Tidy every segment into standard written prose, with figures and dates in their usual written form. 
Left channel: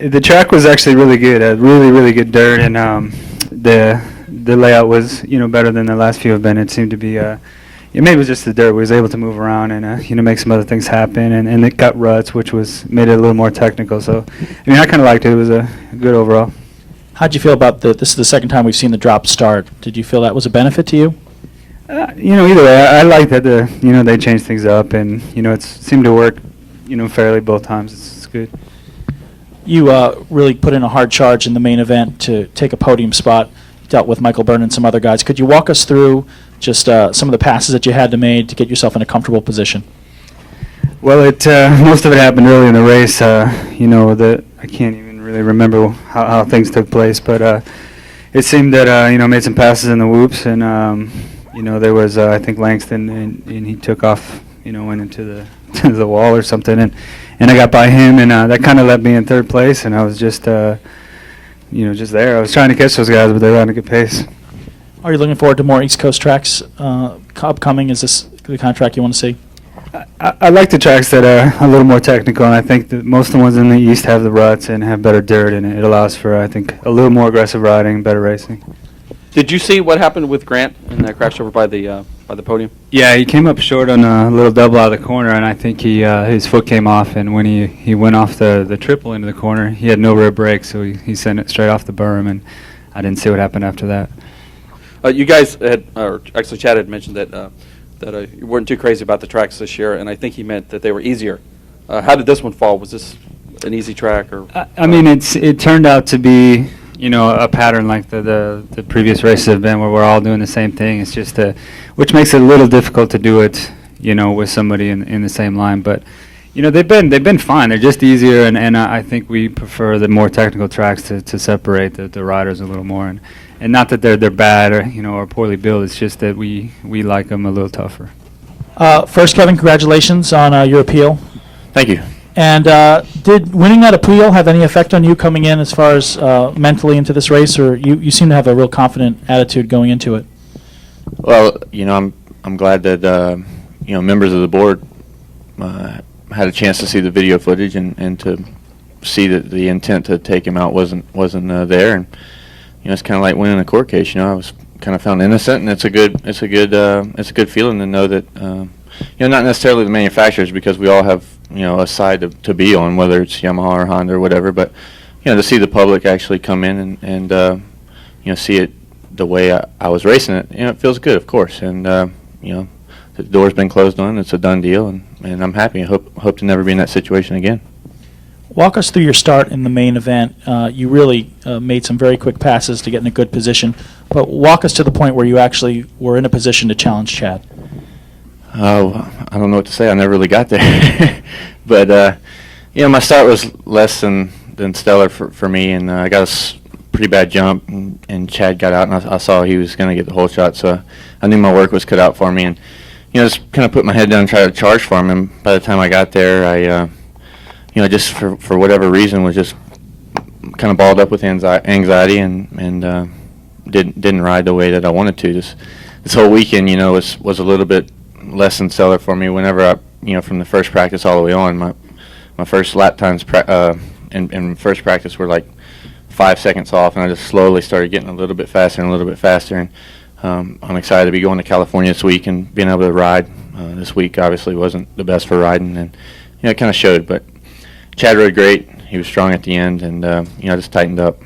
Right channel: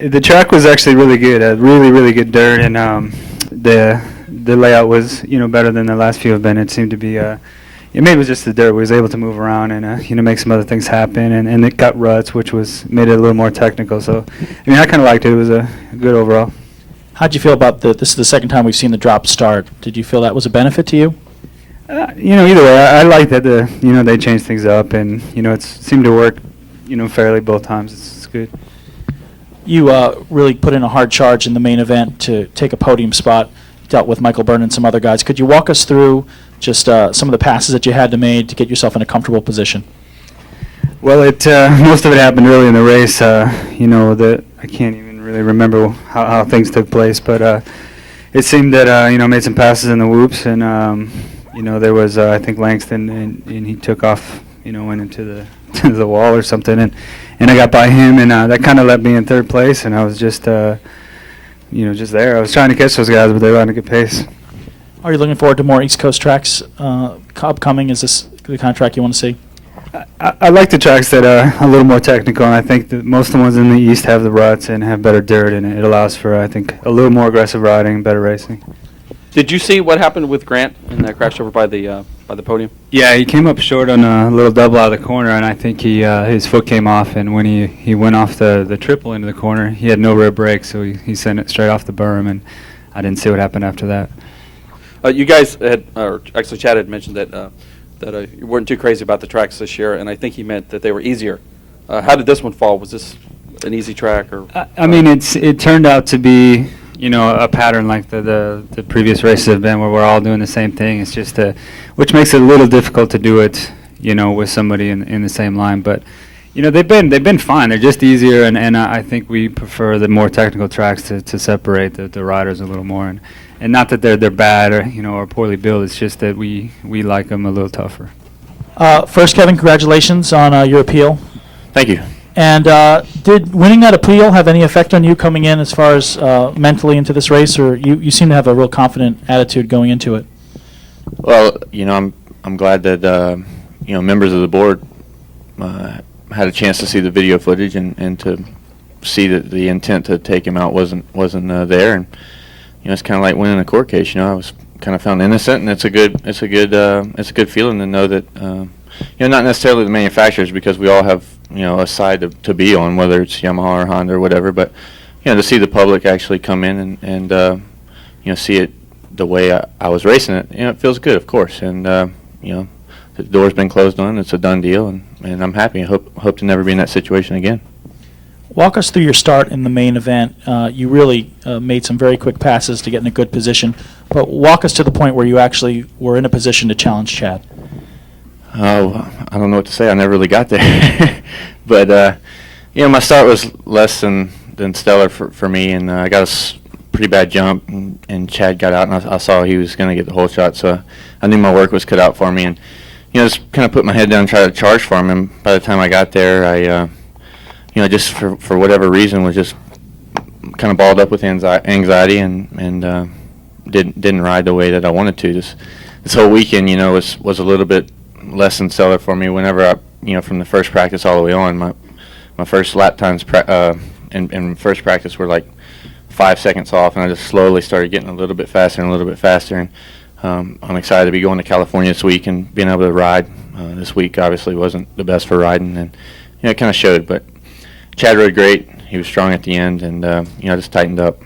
The track was actually really good. Really good dirt, and the layout was better than the last few have been. It seemed to be maybe it was just the dirt. We was able to move around and make some other things happen, and it got ruts, which made it a little more technical. So I kind of liked it. It was a good overall. How'd you feel about this is the second time we've seen the drop start? Did you feel that was a benefit to you? Either way, I like that they changed things up, and it seemed to work fairly both times. It's good. You really put in a hard charge in the main event to take a podium spot. Dealt with Michael Byrne and some other guys. Could you walk us through just some of the passes that you had to make to get yourself in a comfortable position? Well, most of it happened early in the race. That I can't even really remember how things took place, but it seemed that made some passes in the whoops, and there was I think Langston, and he took off, went into the to the wall or something, and I got by him, and that kind of left me in third place, and I was just just there. I was trying to catch those guys, but they were on a good pace. Are you looking forward to more East Coast tracks upcoming? Is this the kind of track you want to see? I like the tracks that are a little more technical, and I think that most of the ones in the East have the ruts and have better dirt, and it allows for, I think, a little more aggressive riding, better racing. Did you see what happened with Grant in that crash over by the podium? Yeah, he came up short on a little double out of the corner, and I think his foot came off, and when he went off the triple into the corner, he had no rear brake, so he sent it straight off the berm, and I didn't see what happened after that. You guys had, or actually Chad had mentioned that you weren't too crazy about the tracks this year, and I think he meant that they were easier. How did this one fall? Was this an easy track? Or I mean, it turned out to be a pattern like the previous races have been, where we're all doing the same thing. It's just which makes it a little difficult to do it with somebody in the same line. But they've been fine. They're just easier, and I think we prefer the more technical tracks to separate the riders a little more. And not that they're bad or poorly built. It's just that we like them a little tougher. First, Kevin, congratulations on your appeal. Thank you. And did winning that appeal have any effect on you coming in as far as mentally into this race, or you seem to have a real confident attitude going into it? Well, I'm glad that members of the board had a chance to see the video footage and to see that the intent to take him out wasn't there, and it's kind of like winning a court case. I was kind of found innocent, and it's a good feeling to know that not necessarily the manufacturers, because we all have a side to be on, whether it's Yamaha or Honda or whatever, but to see the public actually come in and see it the way I was racing it, it feels good, of course, and the door's been closed on. It's a done deal, and I'm happy. I hope to never be in that situation again. Walk us through your start in the main event. You really made some very quick passes to get in a good position, but walk us to the point where you actually were in a position to challenge Chad. I don't know what to say. I never really got there. But, my start was less than stellar for me, and I got a pretty bad jump, and Chad got out, and I saw he was going to get the whole shot, so I knew my work was cut out for me, and, just kind of put my head down and try to charge for him, and by the time I got there, I just for whatever reason was just kind of balled up with anxiety and didn't ride the way that I wanted to. This whole weekend, was a little bit less than stellar for me. Whenever I, from the first practice all the way on, my first lap times in first practice were like 5 seconds off, and I just slowly started getting a little bit faster and a little bit faster. And I'm excited to be going to California this week and being able to ride. This week obviously wasn't the best for riding, and it kind of showed, but Chad rode great. He was strong at the end, and just tightened up.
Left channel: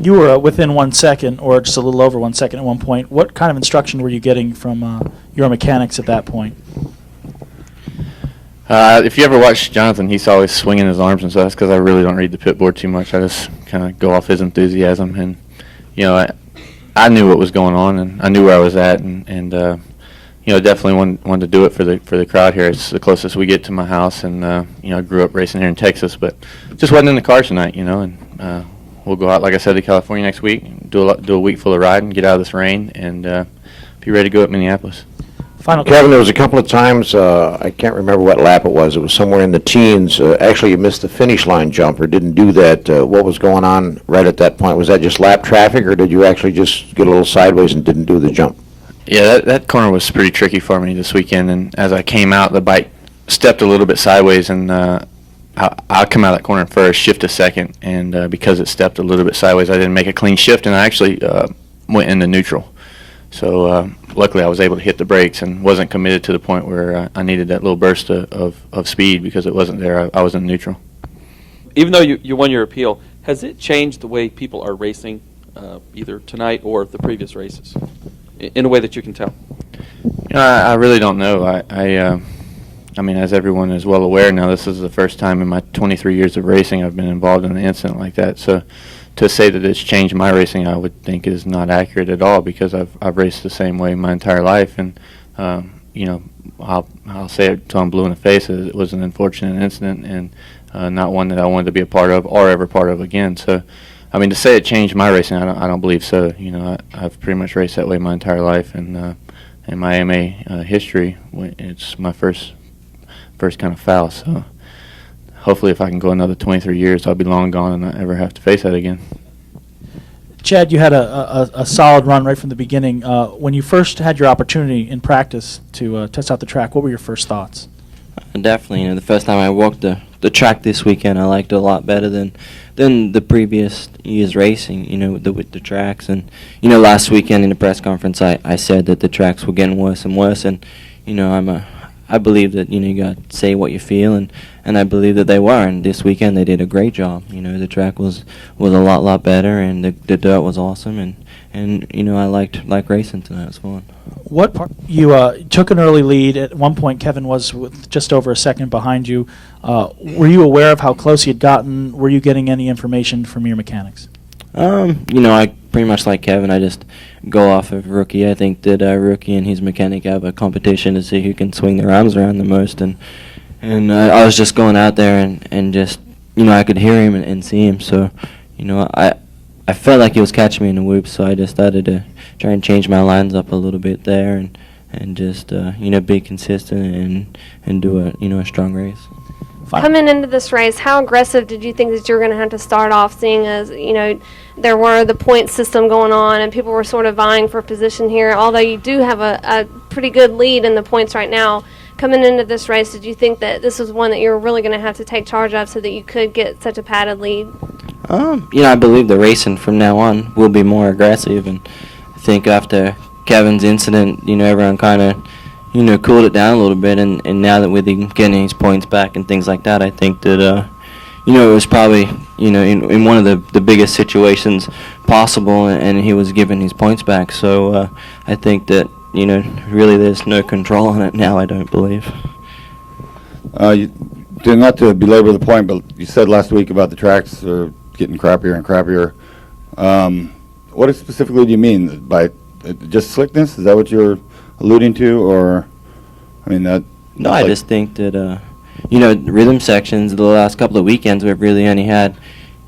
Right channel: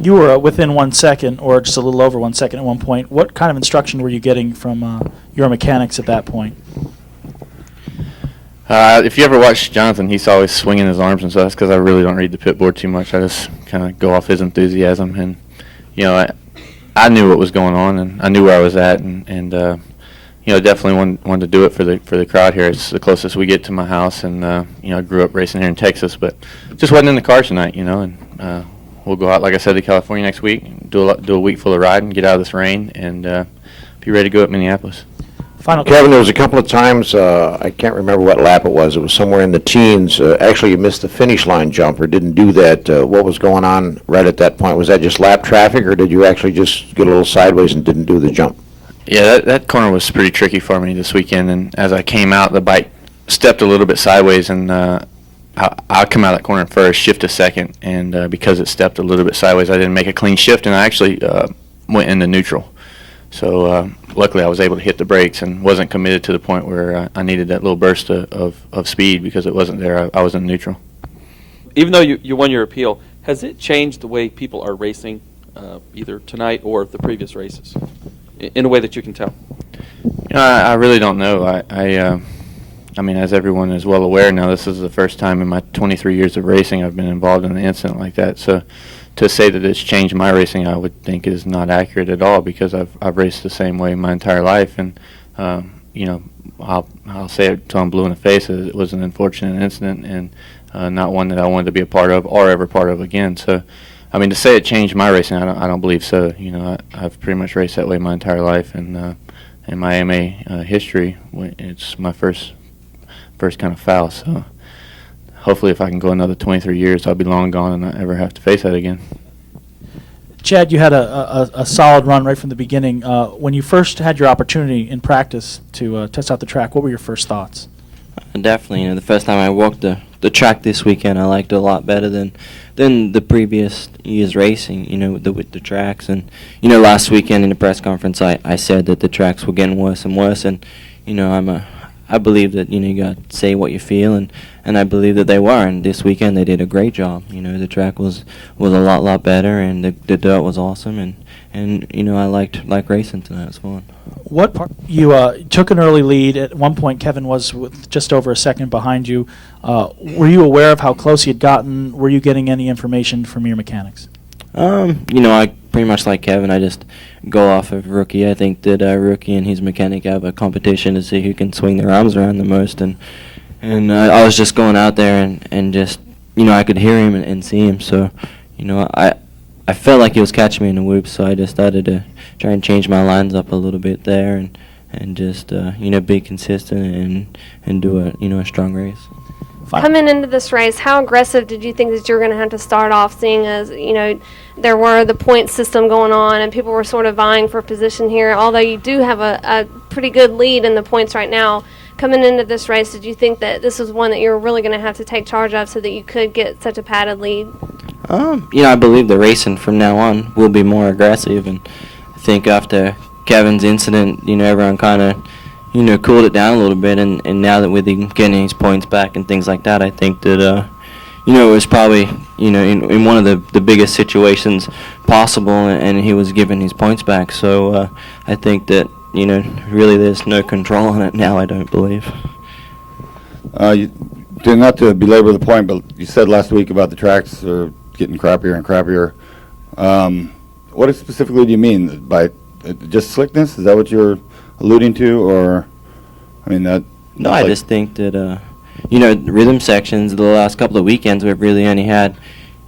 You were within 1 second, or just a little over 1 second at one point. What kind of instruction were you getting from your mechanics at that point? If you ever watch Jonathan, he's always swinging his arms and stuff. That's because I really don't read the pit board too much. I just kind of go off his enthusiasm, and I knew what was going on, and I knew where I was at, and definitely wanted to do it for the crowd here. It's the closest we get to my house, and I grew up racing here in Texas, but just wasn't in the car tonight, and we'll go out, like I said, to California next week, do a week full of riding, get out of this rain, and be ready to go at Minneapolis. Final Kevin, there was a couple of times, I can't remember what lap it was somewhere in the teens, actually you missed the finish line jump or didn't do that. What was going on right at that point? Was that just lap traffic, or did you actually just get a little sideways and didn't do the jump? Yeah, that corner was pretty tricky for me this weekend, and as I came out, the bike stepped a little bit sideways, and I I come out of that corner first, shift to second, and because it stepped a little bit sideways, I didn't make a clean shift, and I actually went into neutral. So luckily, I was able to hit the brakes and wasn't committed to the point where I needed that little burst of speed because it wasn't there. I was in neutral. Even though you won your appeal, has it changed the way people are racing, either tonight or the previous races, in a way that you can tell? I really don't know. I mean, as everyone is well aware now, this is the first time in my 23 years of racing I've been involved in an incident like that. So to say that it's changed my racing, I would think is not accurate at all because I've raced the same way my entire life. And, you know, I'll say it till I'm blue in the face. It was an unfortunate incident and not one that I wanted to be a part of or ever part of again. So, I mean, to say it changed my racing, I don't believe so. You know, I've pretty much raced that way my entire life. And in my AMA history, it's my first kind of foul, so hopefully if I can go another 23 years, I'll be long gone and not ever have to face that again. Chad, you had a solid run right from the beginning. When you first had your opportunity in practice to test out the track, what were your first thoughts? Definitely, you know, the first time I walked the track this weekend, I liked it a lot better than the previous year's racing, you know, with the tracks. And, you know, last weekend in the press conference, I said that the tracks were getting worse and worse, and, you know, I believe that, you know, you got to say what you feel, and I believe that they were. And this weekend they did a great job. You know, the track was a lot better, and the dirt was awesome, and you know, I liked racing tonight. It was fun. What part you took an early lead at one point? Kevin was with just over a second behind you. Were you aware of how close he had gotten? Were you getting any information from your mechanics? You know, I pretty much like Kevin. I just go off of Rookie. I think that Rookie and his mechanic have a competition to see who can swing their arms around the most. And I was just going out there and just, you know, I could hear him and see him. So, you know, I felt like he was catching me in the whoops. So I just started to try and change my lines up a little bit there and just, you know, be consistent and do a strong race. Coming into this race, how aggressive did you think that you were going to have to start off, seeing as, you know, there were the point system going on and people were sort of vying for position here, although you do have a pretty good lead in the points right now. Coming into this race, did you think that this was one that you were really going to have to take charge of so that you could get such a padded lead? You know, I believe the racing from now on will be more aggressive, and I think after Kevin's incident, you know, everyone kind of, you know, cooled it down a little bit, and now that we're getting his points back and things like that, I think that, you know, it was probably, you know, in one of the biggest situations possible, and he was given his points back. So I think that, you know, really there's no control on it now, I don't believe. Not to belabor the point, but you said last week about the tracks are getting crappier and crappier. What specifically do you mean by just slickness? Is that what you're alluding to, or I mean that? No, I just think that you know, rhythm sections the last couple of weekends we've really only had,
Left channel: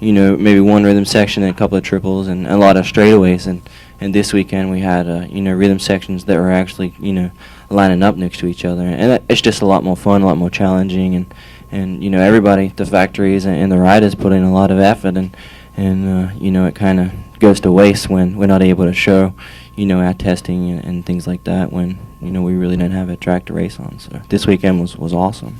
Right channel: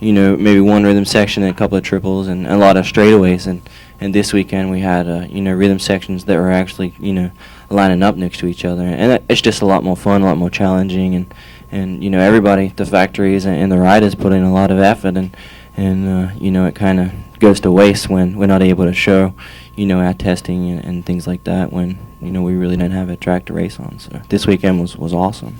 you know, maybe one rhythm section and a couple of triples and a lot of straightaways, and this weekend we had you know, rhythm sections that were actually, you know, lining up next to each other, and it's just a lot more fun, a lot more challenging, and you know, everybody, the factories and the riders put in a lot of effort, and you know, it kind of goes to waste when we're not able to show, you know, our testing and things like that when, you know, we really didn't have a track to race on. So this weekend was awesome.